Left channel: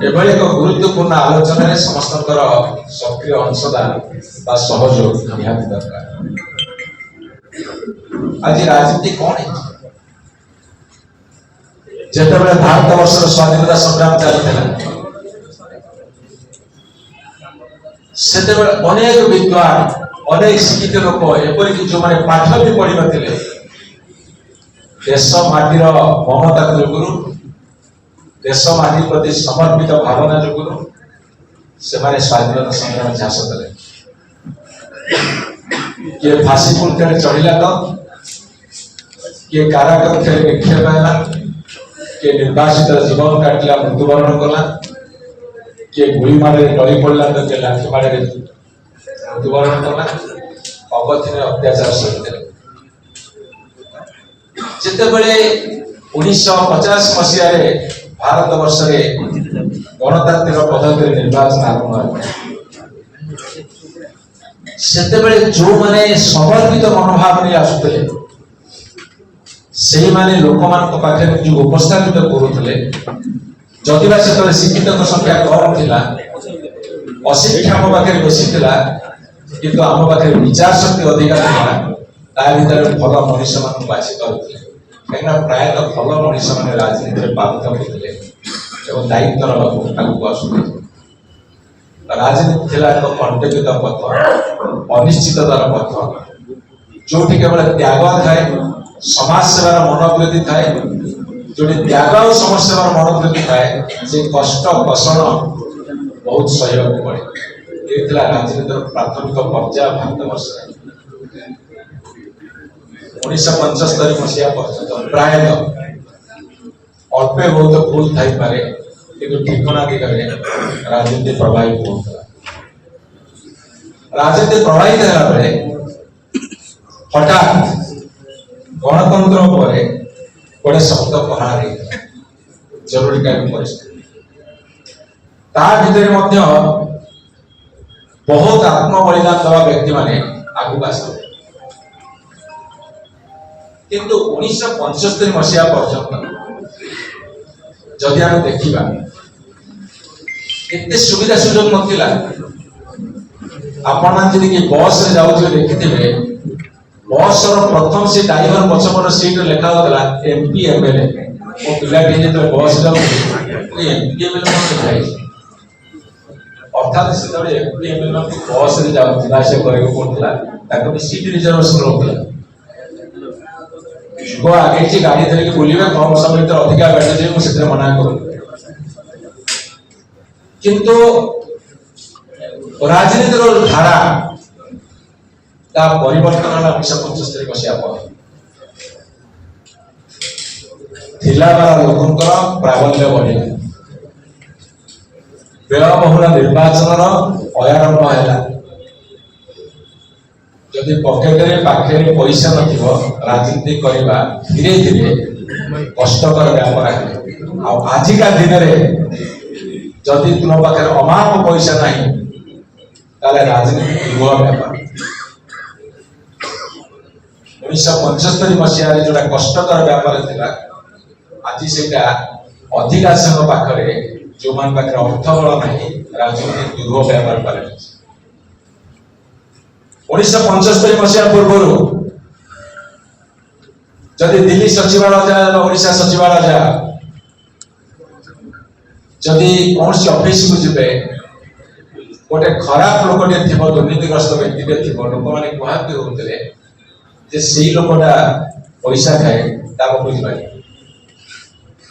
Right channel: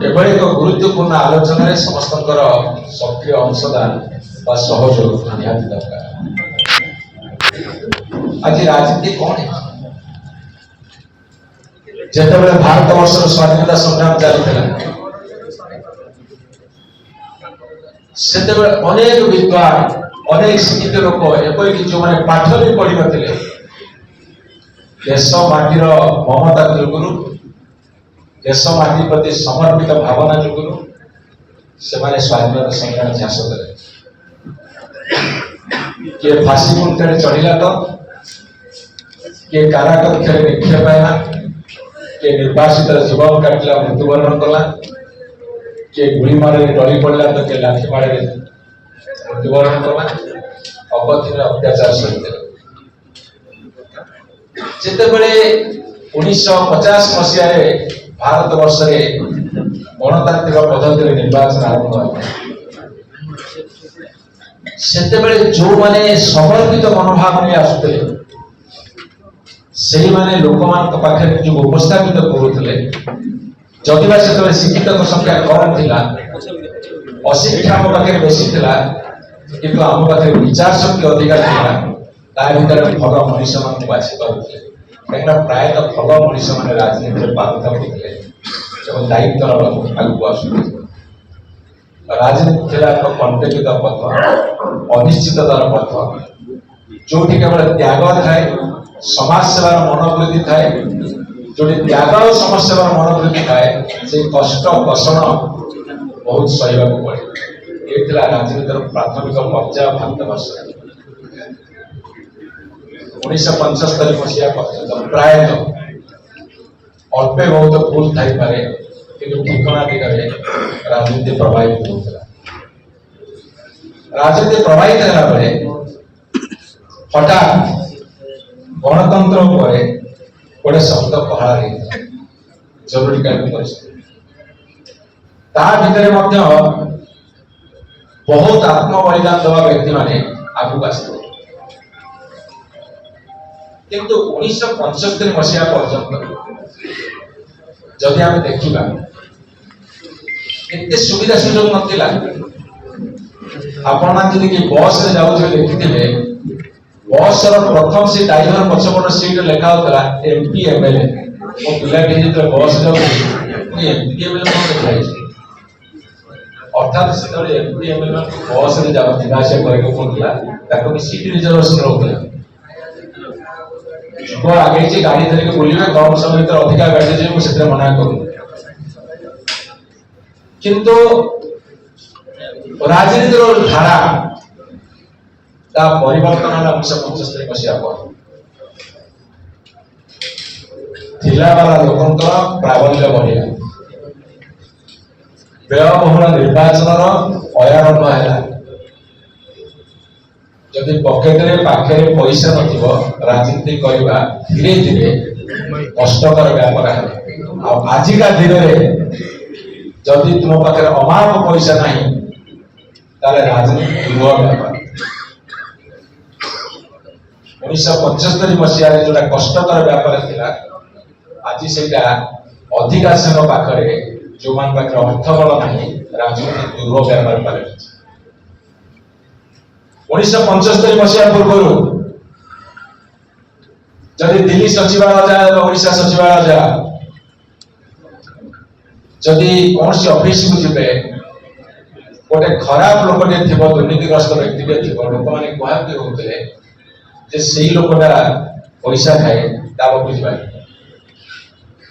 एभली एक गुरुत्वपूर्ण आलोचन समस्त सक्रिय अंशदान सहयोग निहाती दरकार। आज राजनीति कौन है? जितेबाला भारत वर्षर स्वाधीनता संग्राम चलता से अनेक विद्वान अनेक शिक्षित लोक एपरिक जो मैंने पाठ भी पढ़ी नथिले देश माटीर ममता जोगुरु देश माटी प्रति समर्पित भावना जोगुरु से स्वाधीनता संग्राम झांस देले। किए फांसी पुलते चढ़ला तो किए कारागार निक्षेप है किए निर्वासित जीवन काटला मृत्युवरण कला किए गुली मारे डरी पड़ा तो किए लाठी मारे मृत्युवरण कला अवधि अत्याचार सही जितेबले 1950 मसीह भारत वर्ष गणतांत्रिक पद्धति निर्वाचन आरंभ से जो माने समर्पित मनोभाव नहीं आसुते से माने लोक मान पाखे जो उपस्थापित करुले जदिवा से शिक्षित संख्या कम थिला अशिक्षा आम पाखे बेसी थिला किंतु आम पाखे विचार शक्ति अधिक थिला ता भीतर भल मनीष मान बाछि करुले कहीं प्रायतः भल मनीष मैंने राजनीति पारंगत होते दायित्व आगे आसुते राजनीति एक कंटकित पथ अनिश्चिततार पथ जो केवल त्याग थाए समाज सेवार मनोवृत्ति थाए जो त्याग और समाज सेवार मनोवृत्ति थाए से कष्ट कषण बहुत सहयोग पड़े ये राजनीतिर प्राथमिक पर्याय भारत वर्ष 1975 मसीहा पर्यटन प्रायतः अल्पे बहुत भूल थी पारे किंतु ठिकाना दिगरे राजनीति प्रभावित होता राजनीति प्रभावित होगा बेले हठात गणतंत्र पर गोटे शब्द प्रहार जरूरीकालीन परिस्थिति ता भीतर बहुत आत्म बलिदान दवा व्यक्ति माने आगू आसते किंतु 1975 मसीहा पर्यटन जदि आम देखा एते सुविधा सुजोग नथिला आपण जदि कि बस रे जाउ देखिथिबे बस रो प्रथम से ड्राइवर पछपट सीट लेखा होतला एमपी एमएलए ओ पिला के जेते बस जाउ एमपी एमएलए लिखाई अर्थात से एमपी एमएलए बस रे जाउ दिवासे करे पड़तला ताको भी सीट रिजर्वेशन होतला जो आगे जे गाड़ी धरे के बोलिबा कम समय भीतर अधिका गाड़ी जे मु सेते मना करू किंतु राजनीतिर धारा ता परिवर्तन 1975 मसीहा पर थिला वाला लोकंकर प्राबल्य बढ़िला व्ययबहुल निर्वाचन अयारंभ है जदि पकेट रे पाखे पैसा नथिबो राजनीति करबा धीरे धीरे कष्टकर व्यापार है आजिका दिन में जदि तुम पाखे अमाप पैसा नहीं ताले राजनीति दुआ व्यापार 1975 मसीह जोटा कष्टकर व्यापार थिला आज सेटा अधिकांश पाखरे जो मान पाखरे अर्थ बल नहीं राजनीति दुआ व्यापार पारे 1975 मसीहा पूर्व जदि दिल्ली सचिवालय जा ओडिशा सचिवालय जा जदि कौन सी ऑफिस को जिबे गोटे खराब लोकटे थिबो दुर्नीतिग्रस्त व्यक्ति थिबो लोक माने कहते होतले जे सेही लोकटा पैसा खाए ता बुझिबा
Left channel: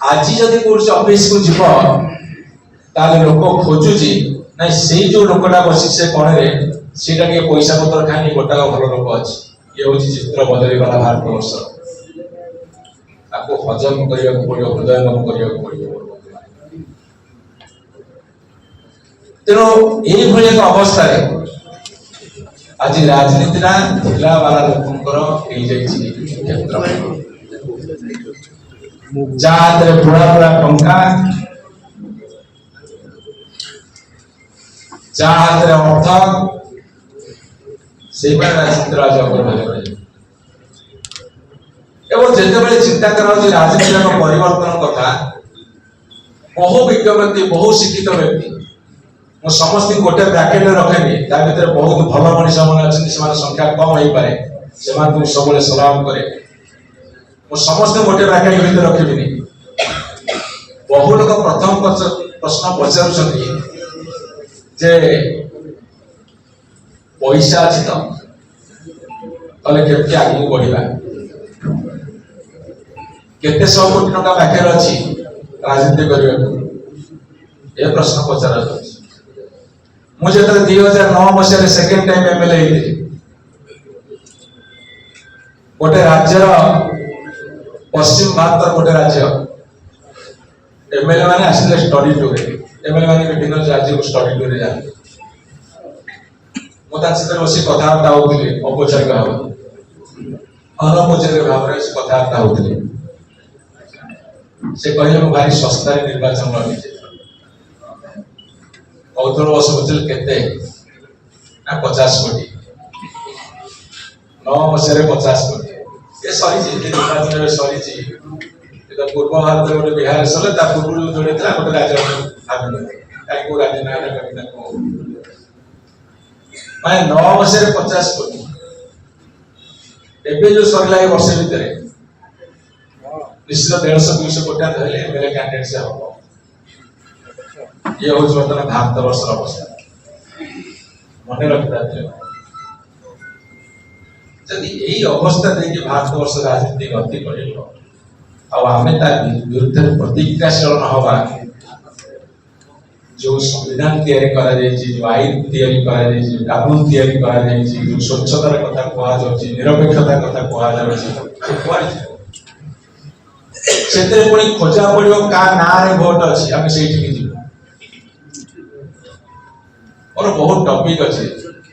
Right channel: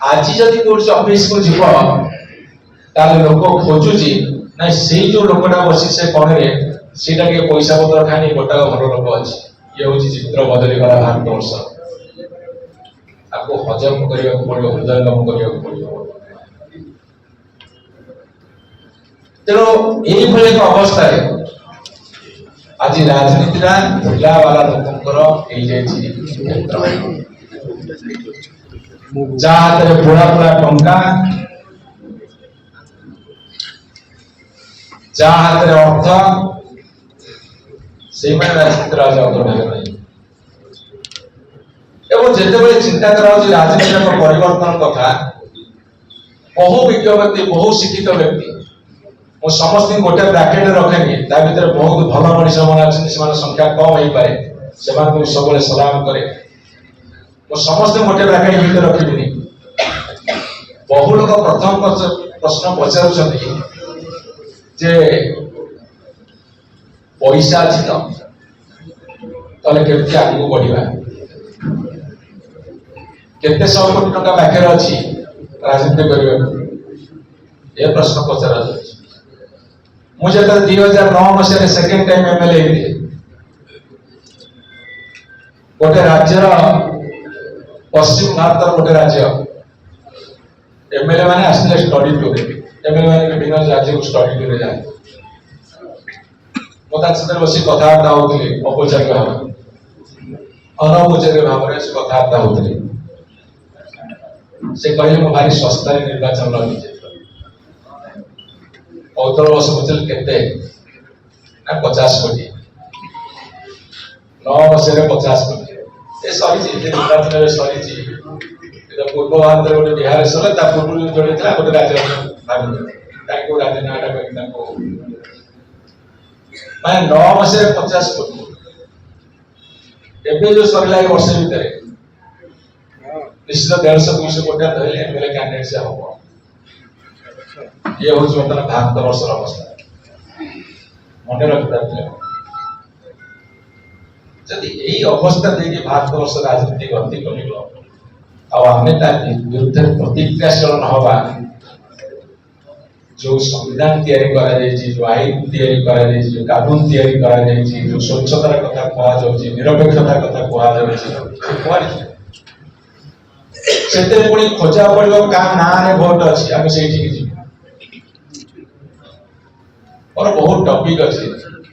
आज जदि कौन सी ऑफिस को जिबो ताले लोक खोजुजी नै सेही जो लोकटा बसी से कोन रे सीटा के पैसा पत्र खानी गोटा घर लोक अच्छी ये हूँ चित्र बदली गला भारत वर्ष आपको हजम करने को पड़ो हृदयंगम करने को पड़ो तेणु ये एक अवस्था आज राजनीति ढिला वाला लोकंकर क्षेत्र जहाँ बुढ़ा बुढ़ा टंका जहाँ हाथ अर्थ से राजनीति एवं जिते चिंता करा राजनीति परिवर्तन कथा बहु विज्ञ व्यक्ति बहु शिक्षित व्यक्ति मु समस्त गोटे ब्राकेट रखेनी ता भीतर बहुत भल मनीष मन अच्छे संख्या कम हो पाए से सब सलाम करे मु समस्त गोटे ब्राकेट भीतर रखिबिनी बहु लोग प्रथम प्रश्न पचार जे पैसा अच्छी तो केमती आगे बढ़ा केते 100 कोटी टका पाखे अच्छी राजनीति करने ये प्रश्न पचरा मुझे 2009 मसीह सेकेंड टाइम एमएलए गोटे राज्य पश्चिम भारत गोटे राज्य एमएलए माने आसले स्टडी टूर एमएलए माने विभिन्न राज्य को स्टडी टूर जाते मुझे बस कथबार्ता होते औपचारिक भाव अनौपचारिक भाव में कथबार्ता होते से कहे मु भारी सस्ता निर्वाचन लगे कौतल बस बुझे के 50 कोटी 9 मसीह 50 कोटी ये सरी निर्वाचन सरी पूर्व भारत गोटे बिहार सर पूर्व जोड़े गोटे राज्य कहीं राज्य ना माने 9 मसीह 50 कोटी एबे जो सरला वर्ष भितर निश्चित 150-200 कोटी धरले एमएलए कैंडिडेट से हम ये हूँ बर्तमान भारत वर्ष अवस्था मन रखिए जदि यही अवस्था देखिए भारत वर्ष राजनीति गति कर विरुद्ध प्रतिक्रियाशील न हवा जो संविधान तैयारी करा जायछि जो आईन तैयारी करा जायछि जो कानून तैयारी करा जायछि जो स्वच्छतार कथा कहा जाउछि निरपेक्षता कथा कहा जाउछि सेते पुणी खोजा पड़ियो का ना रे वोट अछि आमे सेठी के जीव और बहुत टॉपिक अछि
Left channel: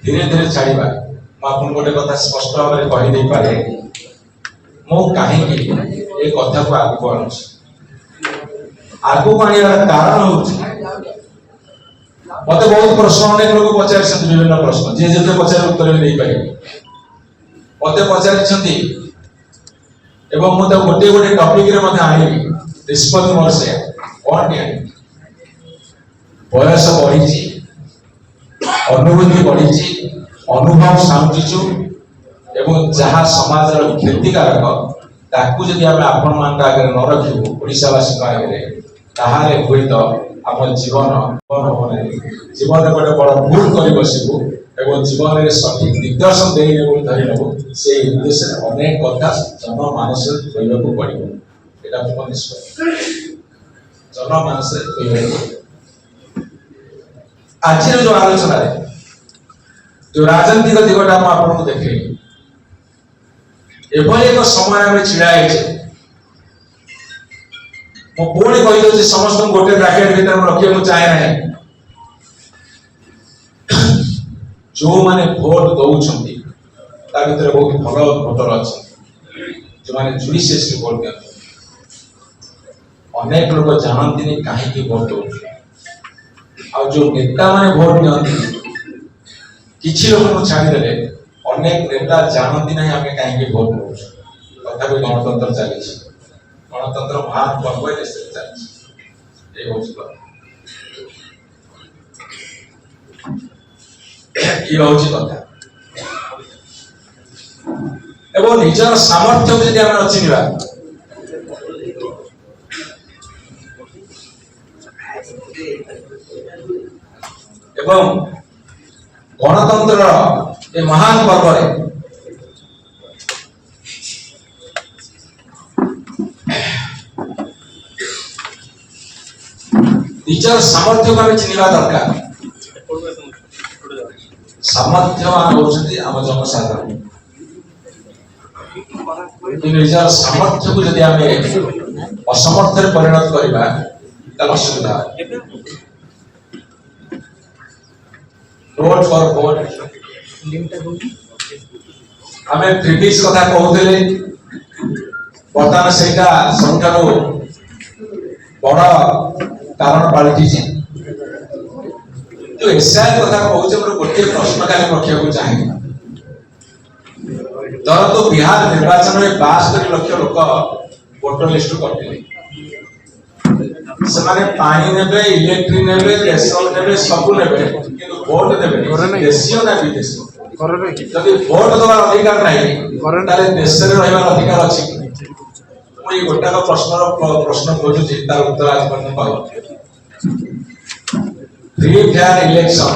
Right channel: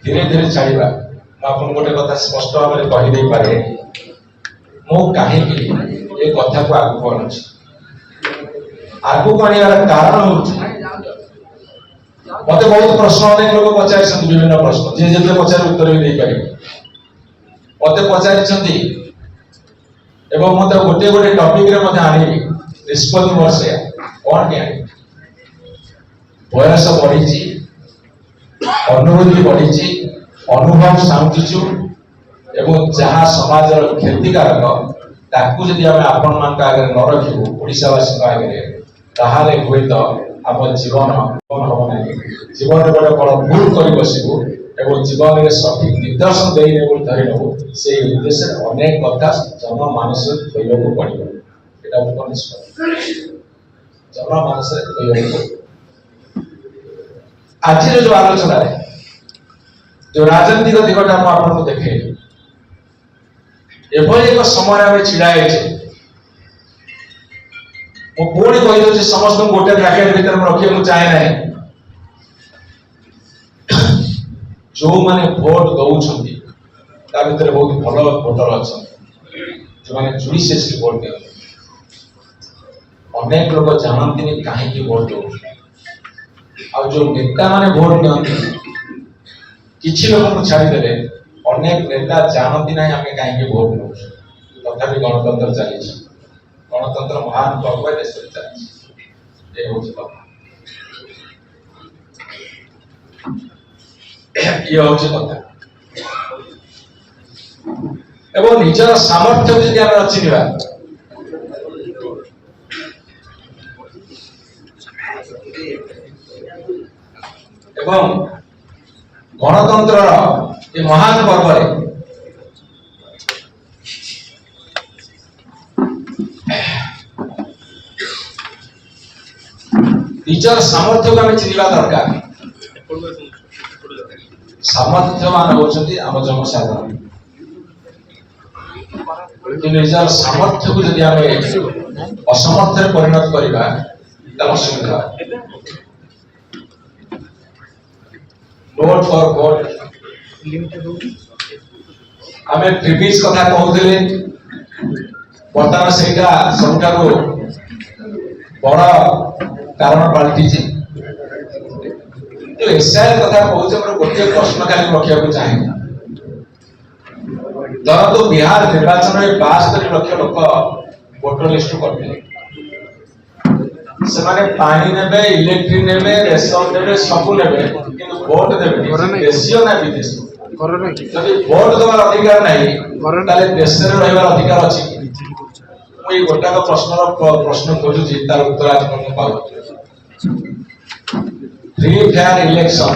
धीरे धीरे छाड़ीबा आपन गोटे कथा स्पष्ट भाव में कहि दे पारे मो काहे कि ए कथा को आगु बढ़छि आगु बढ़ियार कारण होछि मते बहुत प्रश्न अनेक लोग पचारि विभिन्न प्रश्न जे जे पचारि उत्तर भी नहीं पारे मते पचारि एवं मते गोटे गोटे टॉपिक रे मते आनिबी निष्पत्ति वर्षे कोन के बयस बढ़िछि अनुभूति बढ़िछि अनुभव साउंटिछु एवं जहाँ समाज रो क्षतिकारक ताकू जदि हम आपन मान का आगे न रखिबो ओडिसावासी का आगे ताहाले होई तो हम जीवन जीवन गोटे बड़ भूल कर बसबू एवं जीवन में सठिक निर्देशन देने धरी नबू से उद्देश्य अनेक कथा जनमानस कहवाक पड़ो यहाँ निष्पत्ति जनमानस आज जो आलोचना जो राजनीतिक दिगटा आपको देखे एभली एक समय छिड़ा पुणी कही समस्त गोटे ब्राकेट भीतर रखा चाहे ना जो माने भोट दौरान भीतर बहुत भल भोटर अच्छा जो मैंने जुडिशियसली भोट दिया अनेक लोग जानती कहीं भोट दौर आ जो नेता माने भोट दिखती किसी लोग छाड़ीदे अनेक नेता जानती ना आम कहीं भोट दौ तथापि गणतंत्र चली गणतंत्र महान पर्व देश चली ये हूँ कथा एवं निजर सामर्थ्य को जब आम चिन्हवा एवं गणतंत्र ये महान पर्व निजर सामर्थ्य को आम चिन्हवा दरकार सामर्थ्यवान होती आम जनसाधारण निजर सामर्थ्य को जब आम असमर्थ परिणत करवा असुविधा नोट फॉर वोट आम प्रिवियस कथा कहते बर्तमान से सबुठार बड़ कारण पलटि जो एसआई कथा कहते गोटे प्रश्न खाली रखा चाहे धर तो बिहार निर्वाचन में 72 लाख लोक वोटर लिस्ट करते ସେମାନେ ପାଣି ନେବେ, ଇଲେକ୍ଟ୍ରି ନେବେ, ରେସନ ନେବେ, ସବୁ ନେବେ, କିନ୍ତୁ ଭୋଟ ଦେବେନି। ଦେଶୀୟ ନା ବିଦେଶୀ? ଯଦି ଭୋଟ ଦେବାର ଅଧିକାର ନାହିଁ ତାହେଲେ ଦେଶରେ ରହିବାର ଅଧିକାର ଅଛି। ମୁଁ ଏଇ ଗୋଟାକ ପ୍ରଶ୍ନ ଖୋଜୁଛି, ତାର ଉତ୍ତର ଆଜି ପର୍ଯ୍ୟନ୍ତ ପାଉନି। ଫ୍ରି ଫେୟାର ଇଲେକ୍ସନ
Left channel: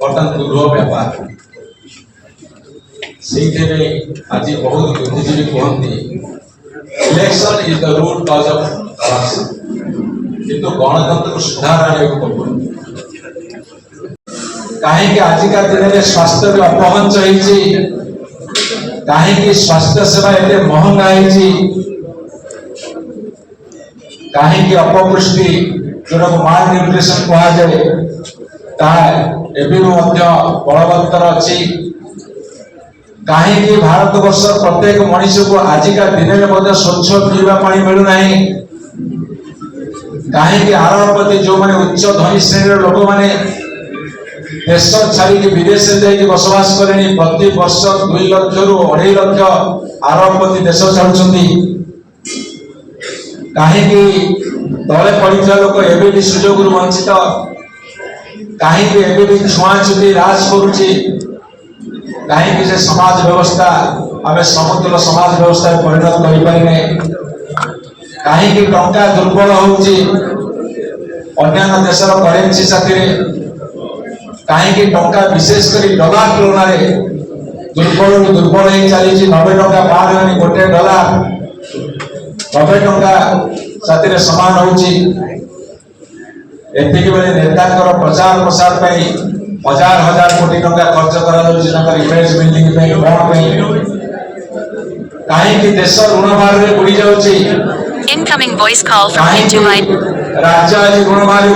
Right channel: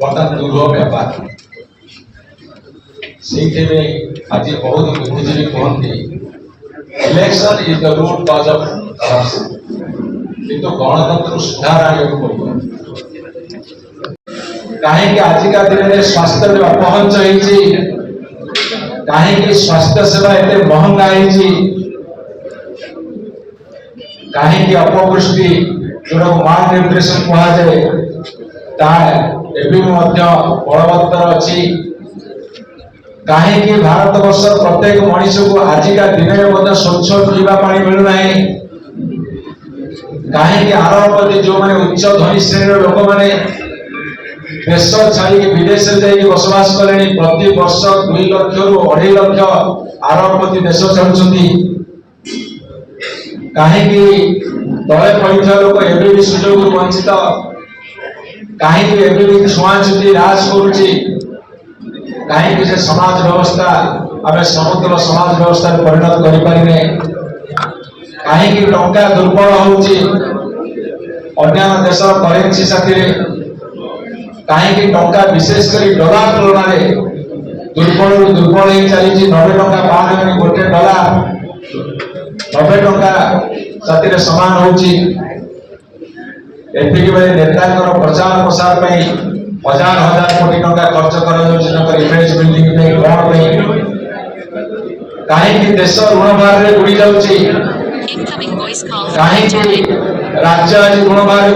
ବର୍ତ୍ତମାନ ଦୁର୍ଲଭ ବ୍ୟାପାର। ସେଇଥିପାଇଁ ଆଜି ବହୁତ ବୁଦ୍ଧିଜୀବୀ କୁହନ୍ତି election is the root cause of corruption, କିନ୍ତୁ ଗଣତନ୍ତ୍ରକୁ ସୁଧାର ଆଣିବାକୁ ପଡିବ। କାହିଁକି ଆଜିକା ଦିନରେ ସ୍ୱାସ୍ଥ୍ୟ ବି ଅପହଞ୍ଚ ହେଇଛି, କାହିଁକି ସ୍ୱାସ୍ଥ୍ୟ ସେବା ଏତେ ମହଙ୍ଗା ହେଇଛି, କାହିଁକି ଅପପୁଷ୍ଟି ଯୋଉଟାକୁ ମାଲ ନ୍ୟୁଟ୍ରିସନ କୁହାଯାଏ ତାହା ଏବେ ମଧ୍ୟ ବଳବତ୍ତର ଅଛି, କାହିଁକି ଭାରତ ବର୍ଷ ପ୍ରତ୍ୟେକ ମଣିଷକୁ ଆଜିକା ଦିନରେ ମଧ୍ୟ ସ୍ୱଚ୍ଛ ପିଇବା ପାଣି ମିଳୁନାହିଁ, କାହିଁକି ଆରବପତି ଯୋଉମାନେ ଉଚ୍ଚ ଧନୀ ଶ୍ରେଣୀର ଲୋକମାନେ ଦେଶ ଛାଡ଼ିକି ବିଦେଶରେ ଯାଇକି ବସବାସ କଲେଣି, ପ୍ରତି ବର୍ଷ 2 ଲକ୍ଷରୁ 2.5 ଲକ୍ଷ ଆରବପତି ଦେଶ ଛାଡୁଛନ୍ତି, କାହିଁକି ତଳେ ପଡ଼ିଥିବା ଲୋକ ଏବେ ବି ସୁଯୋଗରୁ ବଞ୍ଚିତ, କାହିଁକି ଏବେ ବି ଛୁଆଁଛୁତି ହ୍ରାସ କରୁଛି, କାହିଁକି ସେ ସମାଜ ବ୍ୟବସ୍ଥା ଆମେ ସମତୁଲ ସମାଜ ବ୍ୟବସ୍ଥାରେ ପରିଣତ କରିପାରିଲେ, କାହିଁକି ଟଙ୍କା ଦୁର୍ବଳ ହଉଛି ଅନ୍ୟାନ୍ୟ ଦେଶର କରେନ୍ସି ସାଥିରେ, କାହିଁକି ଟଙ୍କା ବିଶେଷ କରି ଡଲାର ତୁଳନାରେ ଦୁର୍ବଳରୁ ଦୁର୍ବଳ ହେଇ ଚାଲିଛି। 90 ଟଙ୍କା ପାର ହେଉନି, ଗୋଟେ ଡଲାର 90 ଟଙ୍କା ସାଥିରେ ସମାନ ହଉଛି। ଏତିକି ବେଳେ ନେତାଙ୍କର ପ୍ରଚାର ପ୍ରସାର ପାଇଁ ହଜାର ହଜାର କୋଟି ଟଙ୍କା ଖର୍ଚ୍ଚ କରାଯାଉଛି ତାଙ୍କର ଇମେଜ ବିଲ୍ଡିଂ ପାଇଁ, ଭୋଟ ପାଇଁ। କାହିଁକି ଦେଶ ଋଣ ଭାରରେ ବୁଡି ଯାଉଛି, Incoming voice call from କାହିଁକି YouTube. ରାଜ୍ୟ ଆଜି ଋଣ ଭାରରେ